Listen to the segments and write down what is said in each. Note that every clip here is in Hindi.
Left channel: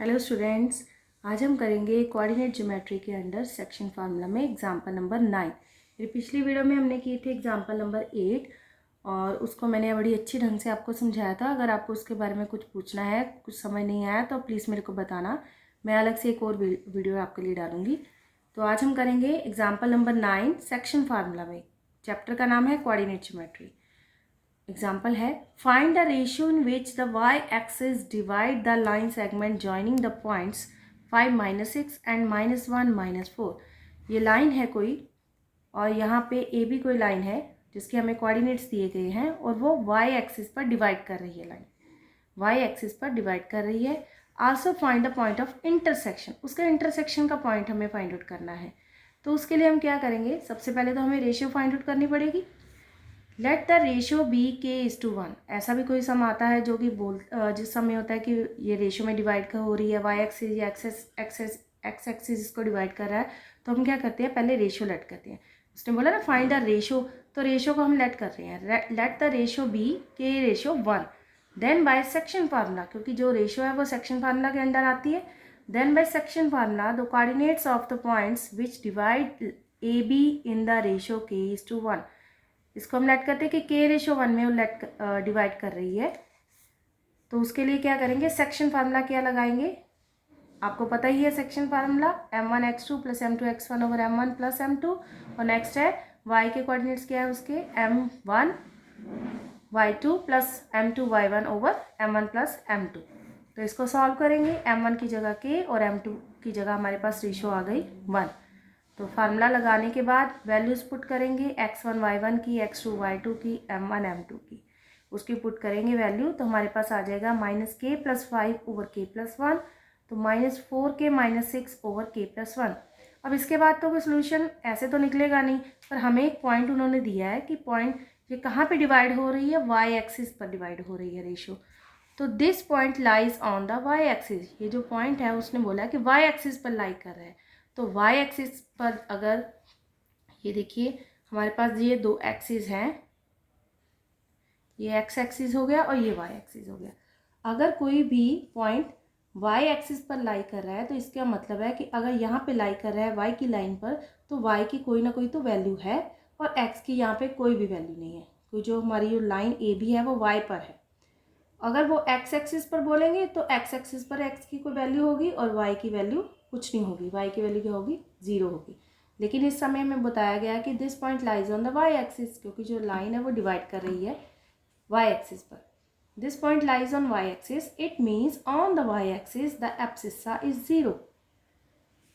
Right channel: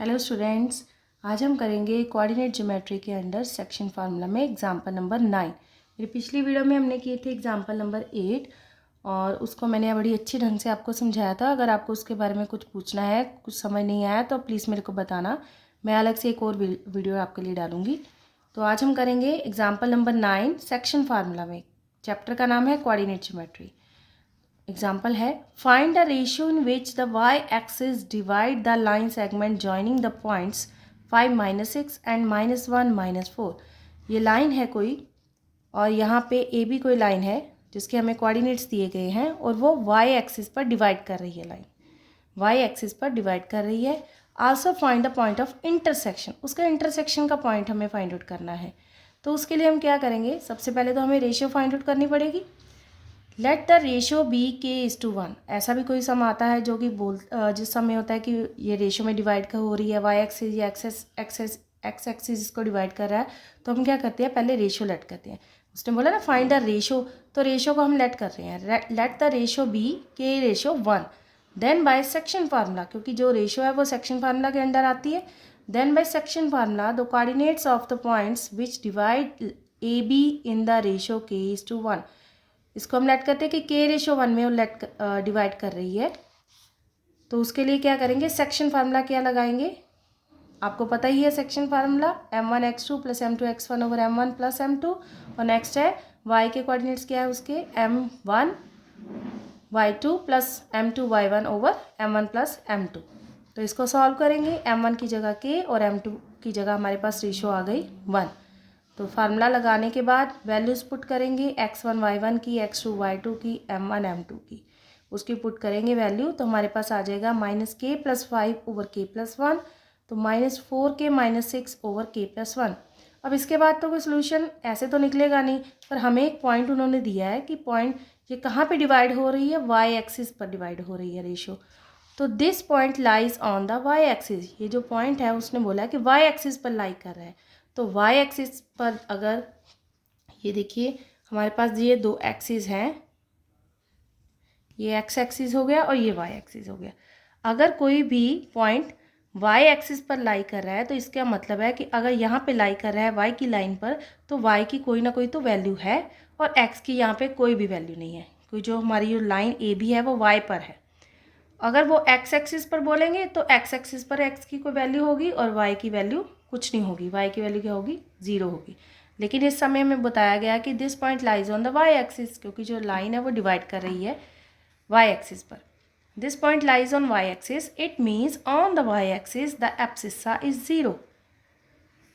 हेलो स्टूडेंट्स, आज हम करेंगे कोऑर्डिनेट ज्योमेट्री के अंडर सेक्शन फार्मूला में एग्जांपल नंबर 9। मेरी पिछली वीडियो में हमने किए थे एग्जांपल नंबर 8 और उसको मैंने बड़ी अच्छी ढंग से आपको समझाया था। अगर आपको उसके बारे में कुछ पूछना है, कुछ समझ नहीं आया तो प्लीज़ मेरे को बताना, मैं अलग से एक और वीडियो आपके लिए डालूँगी। तो आज हम करेंगे एग्जाम्पल नंबर 9 सेक्शन फार्मूला में। चैप्टर का नाम है कोऑर्डिनेट ज्योमेट्री। एग्जाम्पल है, find the ratio in which the Y axis divide the line segment joining the points 5 - 6 and -1 - 4। ये लाइन है कोई और यहाँ पे ए बी कोई लाइन है जिसके हमें कोऑर्डिनेट्स दिए गए हैं और वो वाई एक्सिस पर डिवाइड कर रही है। लाइन वाई एक्सिस पर डिवाइड कर रही है। Also find the point of intersection, उसका इंटरसेक्शन का पॉइंट हमें फाइंड आउट करना है। तो उसके लिए हम क्या करेंगे, सबसे पहले तो हमें रेशियो फाइंड आउट करनी पड़ेगी। Let the ratio be k:1। ऐसा भी कोई सम आता है जो कि जिस सम में होता है कि ये रेशियो में डिवाइड हो रही है, वाई एक्सिस या एक्स एक्सिस इसको डिवाइड कर रहा है। तो हम क्या करते हैं, पहले रेशियो लेट करते हैं। उसने बोला ना फाइंड द रेशियो, तो रेशियो को हम लेट कर रहे हैं। Let the ratio be k:1। Then by section formula, क्योंकि जो रेशियो है वो सेक्शन फार्मूला के अंडर आती है। Then by section formula the coordinates of the points which divide A B in the ratio k:1। इसको हम लेट करते हैं कि k:1 में वो लेट डिवाइड कर रही है। तो उसके लिए क्या करेंगे, सेक्शन फार्मूला क्या लगाएंगे, आपको पता ही है section formula m1x2 + m2x1 / m1 + m2। और नेक्स्ट है y के कोऑर्डिनेट्स क्या है उसके, m1 y2 + m2 y1 / m1 + m2। तो इसको सॉल्व करेंगे, m1 की जगह k और m2 की जगह हमारे पास रेशियो आ गई 1। तो फार्मूला लगाने के बाद वैल्यूज़ पुट करेंगे, x1 y1 की, x2 y2 की, m1 m2 की, उसकी पुट करेंगे वैल्यू। तो हमारे पास आ जाएगा -k + 5 / k + 1। तो -4k - 6 / k + 1। अब इसके बाद तो कोई सोल्यूशन ऐसे तो निकलेगा नहीं, पर हमें एक पॉइंट उन्होंने दिया है कि पॉइंट ये कहाँ पे डिवाइड हो रही है, वाई एक्सिस पर डिवाइड हो रही है रेशियो। तो this point lies on the Y axis, ये जो पॉइंट है उसने बोला कि वाई एक्सिस पर लाई कर रहा है। तो वाई एक्सिस पर अगर ये देखिए हमारे पास ये दो एक्सिस हैं, ये एक्स एक्सिस हो गया और ये वाई एक्सिस हो गया। अगर कोई भी पॉइंट वाई एक्सिस पर लाई कर रहा है तो इसका मतलब है कि अगर यहाँ पे लाई कर रहा है वाई की लाइन पर, तो वाई की कोई ना कोई तो वैल्यू है और एक्स की यहाँ पे कोई भी वैल्यू नहीं है। कोई जो हमारी लाइन ए बी है वो वाई पर है। अगर वो एक्स एक्सिस पर बोलेंगे तो एक्स एक्सिस पर एक्स की कोई वैल्यू होगी और वाई की वैल्यू कुछ नहीं होगी, वाई की वैल्यू क्या होगी, 0 होगी। लेकिन इस समय में बताया गया कि this point lies on the Y axis, क्योंकि जो लाइन है वो डिवाइड कर रही है वाई एक्सिस पर। This point lies on Y axis, it means on the Y axis the abscissa is 0।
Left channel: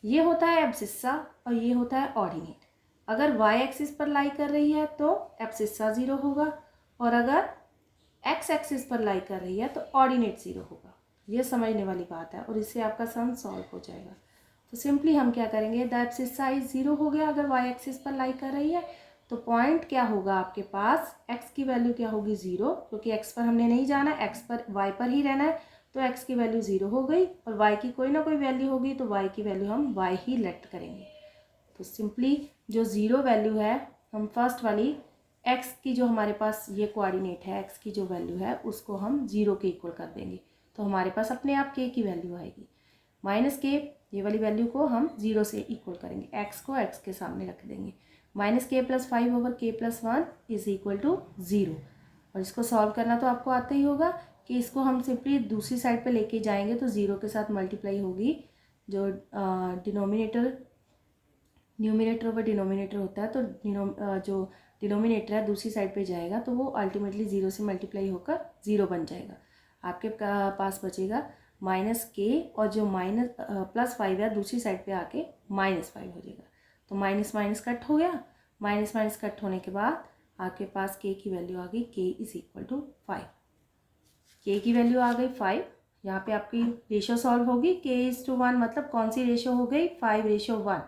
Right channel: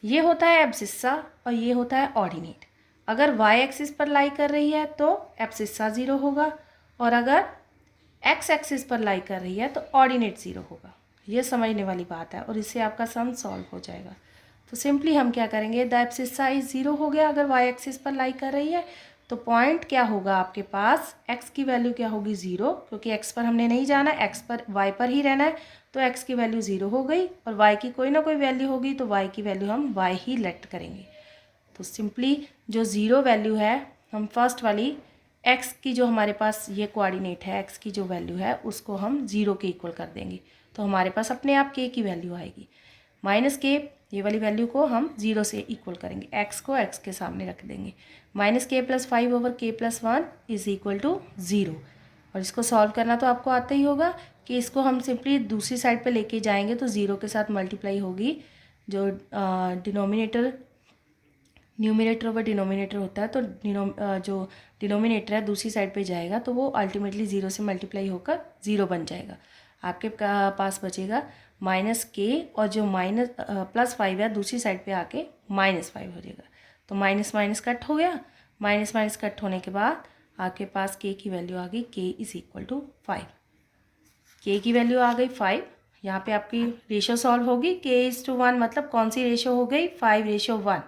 ये होता है एब्सिस्सा और ये होता है ऑर्डिनेट। अगर वाई एक्सिस पर लाई कर रही है तो एब्सिस्सा 0 होगा और अगर एक्स एक्सिस पर लाई कर रही है तो ऑर्डिनेट 0 होगा। ये समझने वाली बात है और इससे आपका सम सॉल्व हो जाएगा। तो सिंपली हम क्या करेंगे, द एब्सिस्सा इज 0 हो गया अगर वाई एक्सिस पर लाई कर रही है। तो पॉइंट क्या होगा आपके पास, एक्स की वैल्यू क्या होगी 0, क्योंकि एक्स पर हमने नहीं जाना, एक्स पर वाई पर ही रहना है। तो एक्स की वैल्यू 0 हो गई और वाई की कोई ना कोई वैल्यू होगी, तो वाई की वैल्यू हम वाई ही लेट करेंगे। तो सिंपली जो 0 वैल्यू है, हम फर्स्ट वाली एक्स की जो हमारे पास ये कोऑर्डिनेट है, एक्स की जो वैल्यू है उसको हम 0 के इक्वल कर देंगे। तो हमारे पास अपने आप के की वैल्यू आएगी। -k, ये वाली वैल्यू को हम 0 से इक्वल करेंगे, एक्स को एक्स के सामने रख देंगे। -k + 5 / k + 1 = 0। और इसको सॉल्व करना तो आपको आता ही होगा कि इसको हम सिंपली दूसरी साइड पे लेके जाएंगे तो 0 के साथ मल्टीप्लाई होगी। जो न्यूमिनेटर व डिनोमिनेटर होता है, तो जो डिनोमिनेटर है दूसरी साइड पे जाएगा तो वो अल्टीमेटली 0 से मल्टीप्लाई होकर 0 बन जाएगा। आपके पास बचेगा -k और जो +5 है दूसरी साइड पे आके -5 हो जाएगा। तो माइनस माइनस कट हो गया, माइनस माइनस कट होने के बाद आपके पास k की वैल्यू आ गई, k = 5। k की वैल्यू आ गई 5। यहाँ पे आपकी रेशियो सॉल्व होगी, k:1 मतलब कौन सी रेशियो हो गई, 5:1।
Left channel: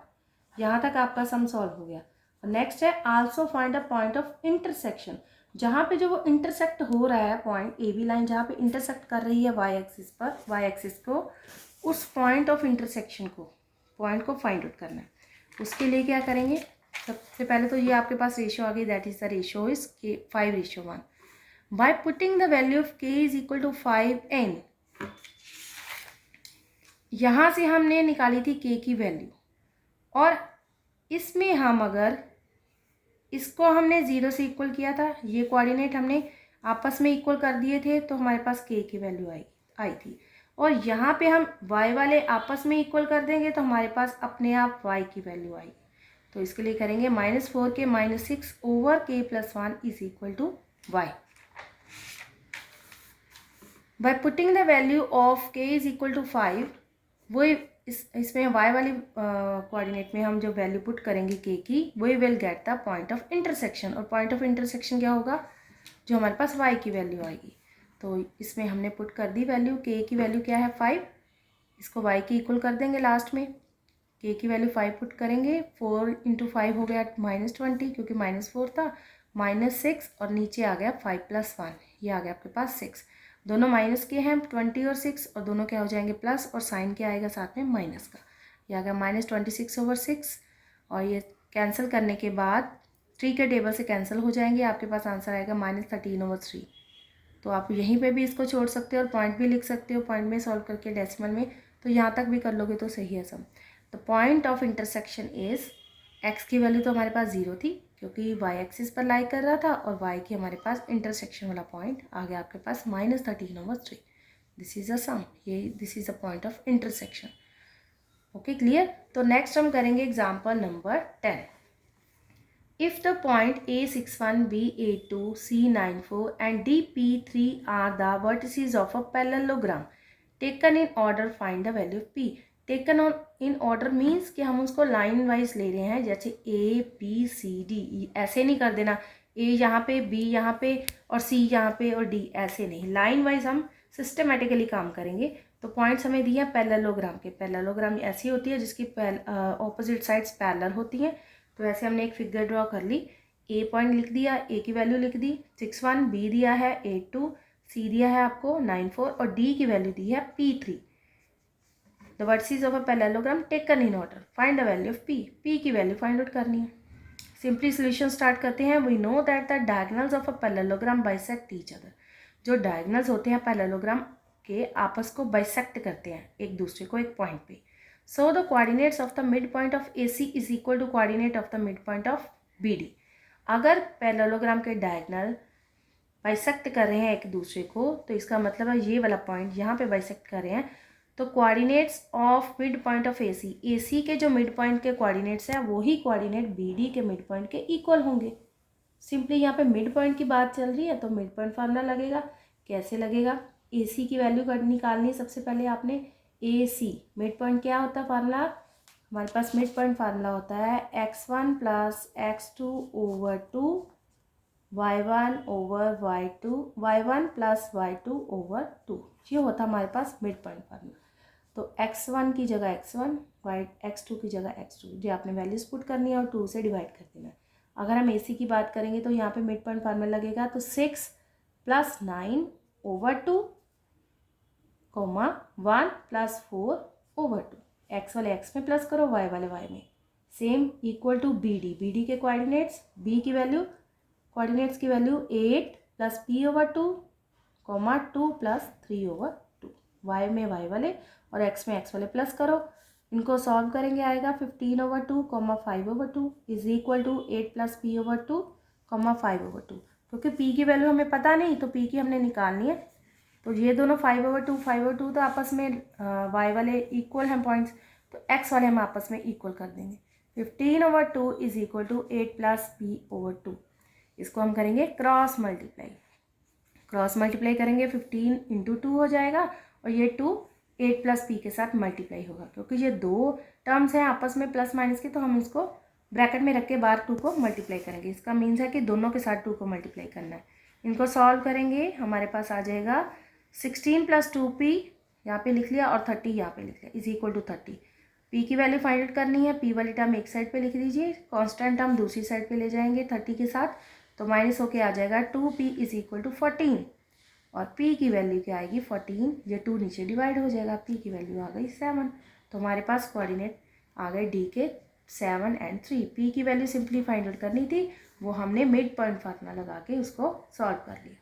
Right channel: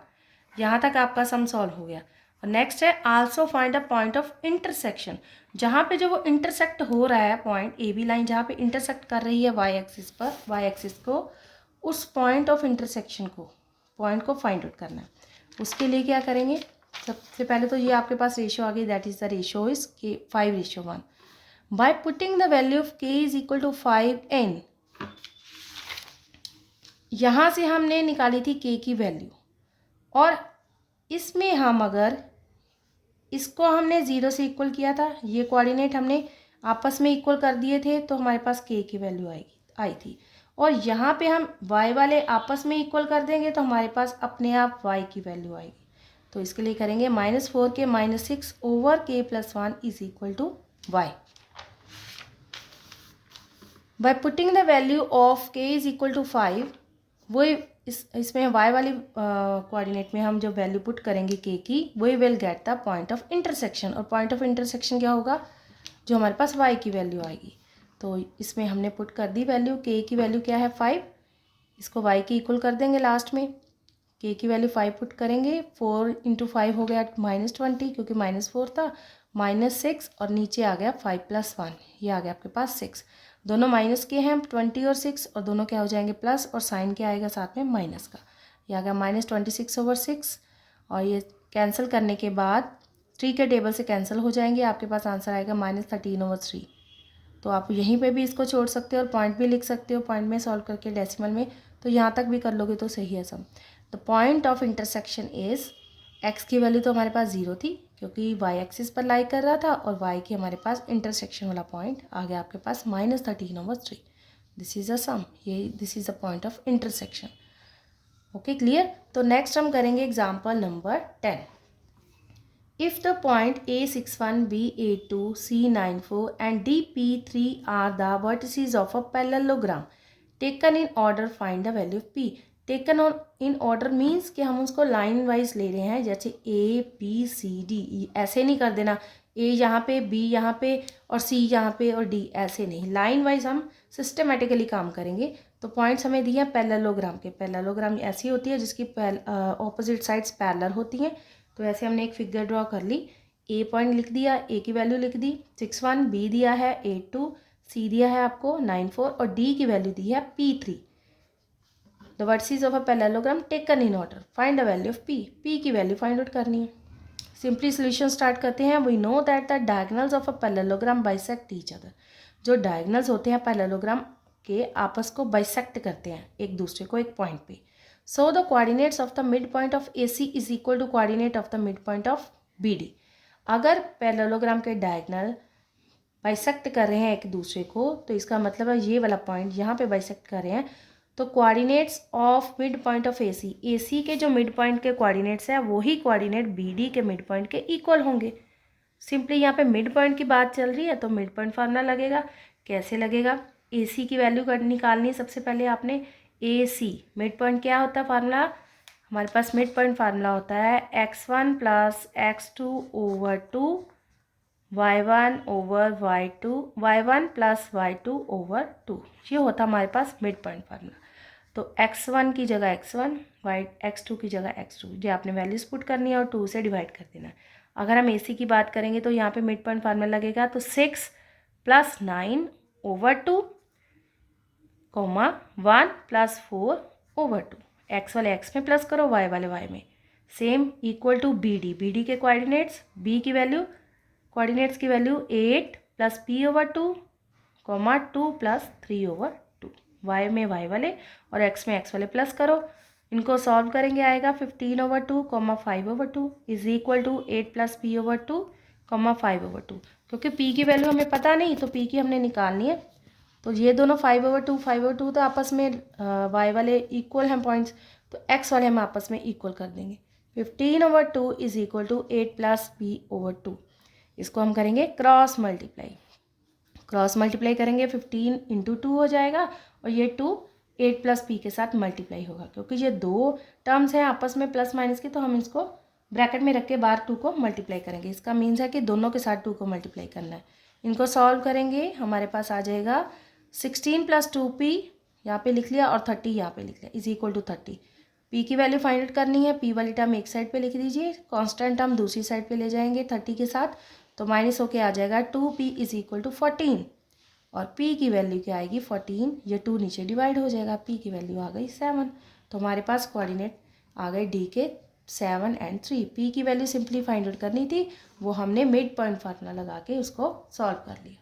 यहाँ तक आपका सम सॉल्व हो गया। और नेक्स्ट है also find a point of intersection, जहाँ पे जो वो इंटरसेक्ट हो रहा है पॉइंट ए बी लाइन जहाँ पे इंटरसेक्ट कर रही है वाई एक्सिस पर, वाई एक्सिस को, उस पॉइंट ऑफ इंटरसेक्शन को, पॉइंट को फाइंड आउट करना है। उसके लिए क्या करेंगे, सबसे पहले तो ये आपके पास रेशियो आ गई, that is the ratio is k 5:1। Bye putting the value of k = 5n, यहाँ से हमने निकाली थी के की वैल्यू, और इसमें हम अगर इसको हमने 0 से इक्वल किया था, ये कोऑर्डिनेट हमने आपस में इक्वल कर दिए थे, तो हमारे पास के की वैल्यू आई थी। और यहाँ पे हम y वाले आपस में इक्वल कर देंगे तो हमारे पास अपने आप y की वैल्यू आएगी। तो इसके लिए करेंगे -4k -6 over k + 1 is equal to y। By putting the value of k is equal to 5, वो इसमें y वाली कोऑर्डिनेट में हम जो वैल्यू पुट करेंगे k की, वो will get the point of intersection. और पॉइंट ऑफ इंटरसेक्शन क्या होगा, जो हमारे पास y की वैल्यू आएगी। तो इसमें हमने पुट कर दी वैल्यू, k की वैल्यू क्या है 5, इसको y की इक्वल कर देंगे लास्ट में। k की वैल्यू 5 पुट करेंगे, 4 × 5 हो गया -20, क्योंकि -4 था, -6 और नीचे आ गया 5 + 1, ये आ गया आपके पास 6। दोनों माइनस के हैं 20 और 6, और दोनों क्या हो जाएंगे प्लस, और साइन क्या आएगा साथ में माइनस का, ये आ गया -26/6। और ये कैंसिल करने के बाद 3 के टेबल से कैंसिल हो जाएंगे, आपके पास आंसर आएगा -13/3। तो आप यहीं पे भी इसको छोड़ सकते हो और पॉइंट भी लिख सकते हो, पॉइंट में सॉल्व करके डेसिमल में, तो यहाँ तक भी कर लोगे तो सही है सब। The point of intersection is, x की वैल्यू तो हमारे पास 0 थी क्योंकि वाई एक्सिस पर लाई कर रहा था, और वाई की हमारे पास इंटरसेक्शन वाला पॉइंट आ गया आपके पास -13/3। दिस इज अ सम, ये this is a point of intersection. Okay, clear. तो नेक्स्ट हम करेंगे example number 10। If the point A61, B82, C94 and DP3 are the vertices of a parallelogram taken in order, find the value of P। Taken in order means कि हम उसको लाइन वाइज ले रहे हैं, जैसे ABCD, ऐसे नहीं कर देना A यहाँ पे, B यहाँ पे और C यहाँ पे और D, ऐसे नहीं, लाइन वाइज हम सिस्टमेटिकली काम करेंगे। तो पॉइंट्स हमें दिए हैं पैरेललोग्राम के। पैरेललोग्राम ऐसी होती है जिसकी ऑपोजिट साइड्स पैरेलल होती हैं। तो ऐसे हमने एक फिगर ड्रॉ कर ली, ए पॉइंट लिख दिया, ए की वैल्यू लिख दी 61, बी दिया है 82, सी दिया है आपको 94 और डी की वैल्यू दी है P3। The vertices of a parallelogram taken in order, find the value of P। P की वैल्यू फाइंड आउट करनी है। सिंपली सोल्यूशन स्टार्ट करते हैं। We know that the diagonals of a parallelogram bisect each other. जो डायगोनल्स होते हैं पैरेललोग्राम के, आपस को बाइसेक्ट करते हैं एक दूसरे को एक पॉइंट पे। So the coordinates of the mid point of AC is equal to coordinate of the mid point of BD। अगर पैरेललोग्राम के डायगोनल बाइसेक्ट कर रहे हैं एक दूसरे को, तो इसका मतलब है ये वाला पॉइंट यहाँ पे बाइसेक्ट कर रहे हैं, तो coordinates of mid point of AC के जो मिड पॉइंट के कोऑर्डिनेट्स हैं वही कोऑर्डिनेट BD के मिड पॉइंट के इक्वल होंगे। सिंपली यहाँ पे मिड पॉइंट की बात चल रही है तो मिड पॉइंट फार्मूला लगेगा। कैसे लगेगा, AC की वैल्यू निकालनी है सबसे पहले आपने। AC मिड पॉइंट क्या होता है फार्मूला, हमारे पास मिड पॉइंट फार्मूला होता है x1 + x2/2 y1 / y2, y1 + y2/2, ये होता है हमारे पास मिड पॉइंट फार्मूला। तो x1 की जगह x1, x2 की जगह x2, ये आपने वैल्यूज पुट करनी है और 2 से डिवाइड कर देना है। अगर हम AC की बात करेंगे तो यहाँ पे मिड पॉइंट फार्मूला लगेगा, तो 6 + 9/2, 1 + 4/2। एक्स वाले एक्स में प्लस करो, वाई वाले वाई में, सेम इक्वल टू BD के कोऑर्डिनेट्स, B की वैल्यू, कोऑर्डिनेट्स की वैल्यू 8 + P/2, 2 + 3/2। वाई में वाई वाले और एक्स में एक्स वाले प्लस करो, इनको सॉल्व करेंगे आएगा 15/2, 5/2 इज इक्वल टू 8 + P/2, 5/2। क्योंकि P की वैल्यू हमें पता नहीं तो P की हमने निकालनी है, तो ये दोनों 5/2 तो आपस में y वाले इक्वल हैं पॉइंट्स, तो x वाले हम आपस में इक्वल कर देंगे। 15/2 इज इक्वल टू 8 + P/2। इसको हम करेंगे क्रॉस मल्टीप्लाई। क्रॉस मल्टीप्लाई करेंगे 15 × 2 हो जाएगा, और ये 2 8 + P के साथ मल्टीप्लाई होगा। क्योंकि ये दो टर्म्स हैं आपस में प्लस माइनस के, तो हम इसको ब्रैकेट में रख के बाहर 2 को मल्टीप्लाई करेंगे। इसका मीन्स है कि दोनों के साथ 2 को मल्टीप्लाई करना है। इनको सॉल्व करेंगे, हमारे पास आ जाएगा 16 + 2P यहाँ पे लिख लिया और 30 यहाँ पे लिख लिया इज इक्वल टू 30। P की वैल्यू फाइंड आउट करनी है। P वाली टर्म एक साइड पे लिख दीजिए, कांस्टेंट टर्म दूसरी साइड पे ले जाएंगे 30 के साथ, तो माइनस होके आ जाएगा 2P इज इक्वल टू 14। और P की वैल्यू क्या आएगी 14, ये 2 नीचे डिवाइड हो जाएगा, P की वैल्यू आ गई 7। तो हमारे पास कोऑर्डिनेट आ गए D के 7 और 3। P की वैल्यू सिंपली फाइंड आउट करनी थी, वो हमने मिड पॉइंट फार्मूला लगा के उसको सॉल्व कर लिया।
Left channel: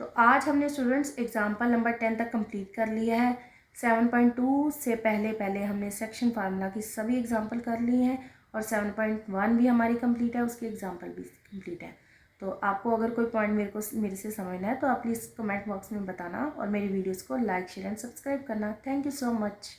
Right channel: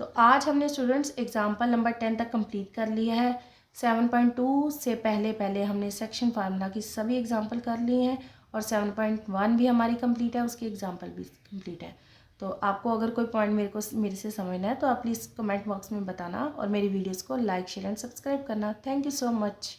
तो आज हमने स्टूडेंट्स एग्जाम्पल नंबर 10 तक कंप्लीट कर लिया है। 7.2 से पहले पहले हमने सेक्शन फार्मूला की सभी एग्जांपल कर लिए हैं और 7.1 भी हमारी कंप्लीट है, उसकी एग्जांपल भी कंप्लीट है। तो आपको अगर कोई पॉइंट मेरे से समझना है तो आप प्लीज़ कमेंट बॉक्स में बताना और मेरी वीडियोस को लाइक शेयर एंड सब्सक्राइब करना। Thank you so much.